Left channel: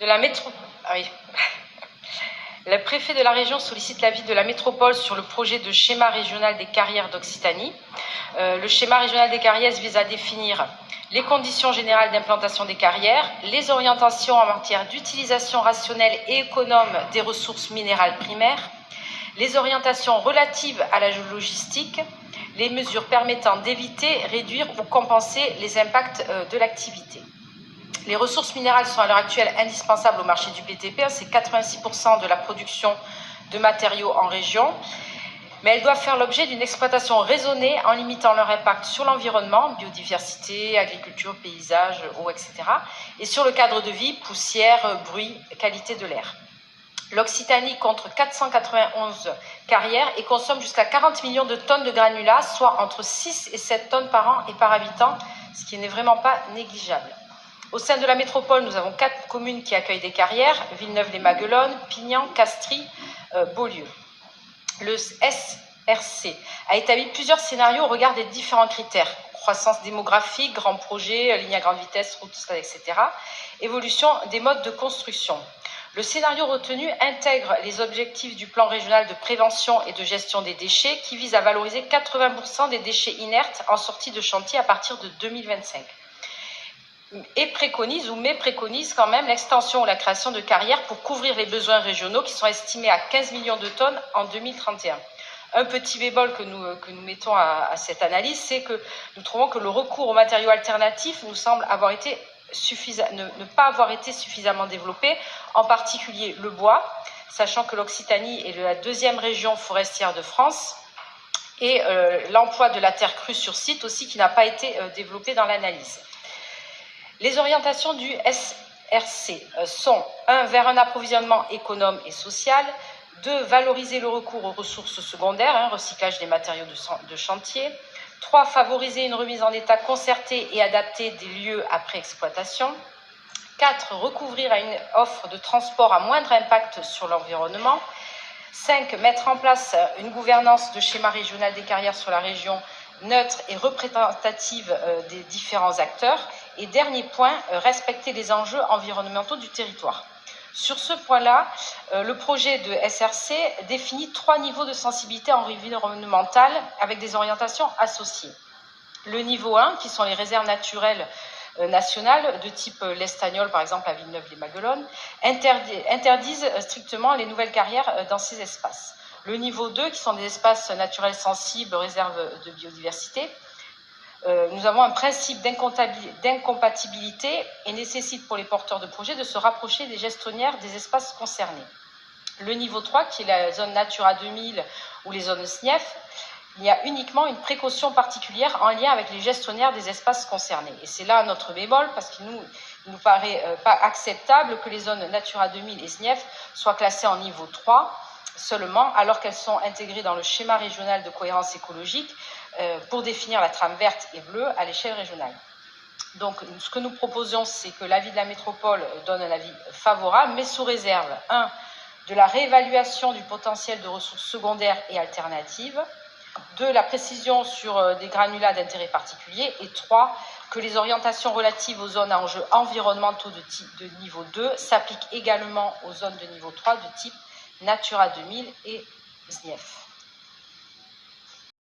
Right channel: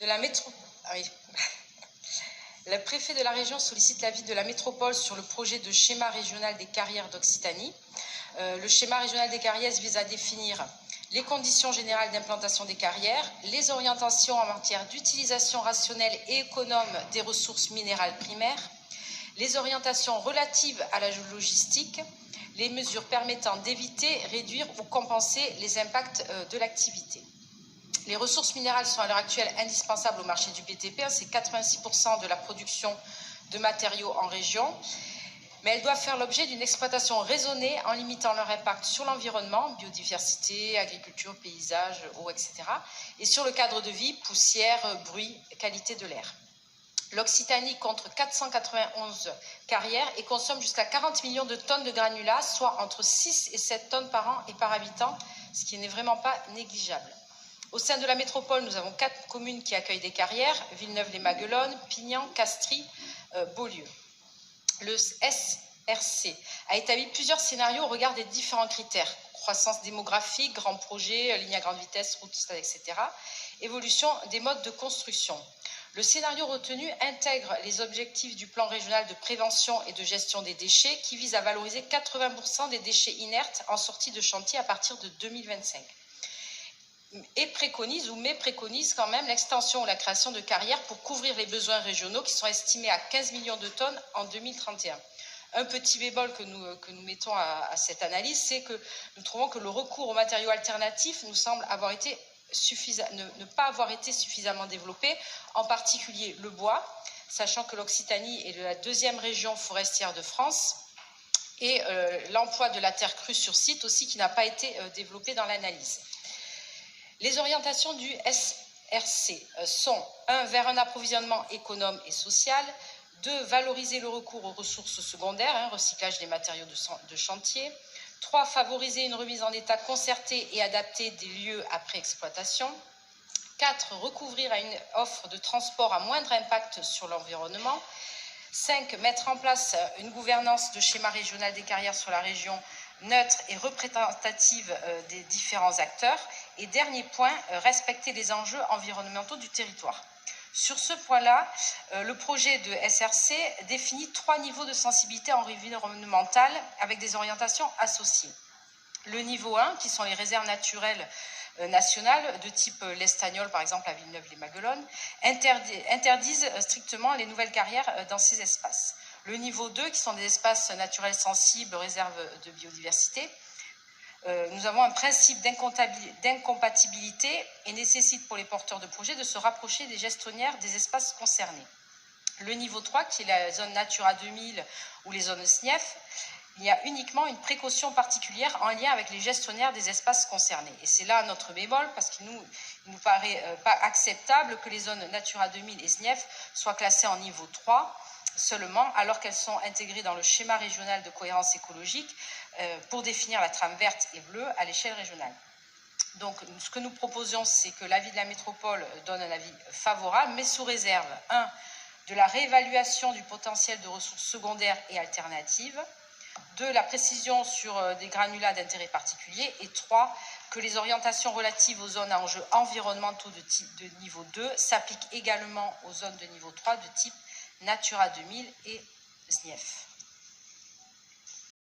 de la métro... Ah oui. Le préfet de la région sollicite l'avis de la métropole sur le projet de schéma régional des carrières d'Occitanie. Le schéma régional des carrières vise à définir les conditions générales d'implantation des carrières, les orientations en matière d'utilisation rationnelle et économe des ressources minérales primaires, les orientations relatives à la logistique, les mesures permettant d'éviter, réduire ou compenser les impacts de l'activité. Les ressources minérales sont à l'heure actuelle indispensables au marché du BTP, c'est 86% de la production de matériaux en région, mais elles doivent faire l'objet d'une exploitation raisonnée en limitant leur impact sur l'environnement, biodiversité, agriculture, paysage, eau, etc., et sur le cadre de vie, poussière, bruit, qualité de l'air. L'Occitanie compte 491 carrières et consomme jusqu'à 40 millions de tonnes de granulats, soit entre 6 et 7 tonnes par an et par habitant, ce qui n'est vraiment pas négligeable. Au sein de la métropole, nous avons 4 communes qui accueillent des carrières, Villeneuve-les-Maguelones, Pignan, Castries, Beaulieu. Le SRC a établi plusieurs scénarios au regard des différents critères: croissance démographique, grands projets, lignes à grande vitesse, routes, etc., évolution des modes de construction. Le scénario retenu intègre les objectifs du plan régional de prévention et de gestion des déchets qui vise à valoriser 80% des déchets inertes en sortie de chantier à partir de 2025. Et préconise quand même l'extension ou la création de carrières pour couvrir les besoins régionaux qui sont estimés à 15 millions de tonnes en 2031. Un petit bémol que nous mettons à cette analyse, c'est que nous trouvons que le recours aux matériaux alternatifs nous semble ne pas avoir été suffisamment développé, en particulier le bois, sachant que l'Occitanie est la deuxième région forestière de France, et l'emploi de la terre crue sur site aussi qui n'a pas été développé dans l'analyse. Les orientations du SRC sont 1. Vers un approvisionnement économe et social, 2. Valoriser le recours aux ressources secondaires, recyclage des matériaux de chantier, 3. Favoriser une remise en état concertée et adaptée des lieux après exploitation, 4. Recouvrir à une offre de transport à moindre impact sur l'environnement, 5. Mettre en place une gouvernance de schéma régional des carrières sur la région neutre et représentative des différents acteurs. Et dernier point, respecter les enjeux environnementaux du territoire. Sur ce point-là, le projet de SRC définit 3 niveaux de sensibilité environnementale avec des orientations associées. Le niveau 1, qui sont les réserves naturelles nationales de type l'Estagnol, par exemple à Villeneuve-les-Maguelones, interdisent strictement les nouvelles carrières dans ces espaces. Le niveau 2, qui sont des espaces naturels sensibles, réserves de biodiversité, nous avons un principe d'incompatibilité et nécessite pour les porteurs de projets de se rapprocher des gestionnaires des espaces concernés. Le niveau 3, qui est la zone Natura 2000 ou les zones SNIEF, il y a uniquement une précaution particulière en lien avec les gestionnaires des espaces concernés. Et c'est là notre bémol, parce qu'il ne nous paraît pas acceptable que les zones Natura 2000 et SNIEF soient classées en niveau 3 seulement, alors qu'elles sont intégrées dans le schéma régional de cohérence écologique pour définir la trame verte et bleue à l'échelle régionale. Donc, ce que nous proposons, c'est que l'avis de la métropole donne un avis favorable, mais sous réserve, 1. de la réévaluation du potentiel de ressources secondaires et alternatives, 2. la précision sur des granulats d'intérêt particulier, et 3. que les orientations relatives aux zones à enjeux environnementaux de niveau 2 s'appliquent également aux zones de niveau 3 de type Natura 2000 et SNIEF.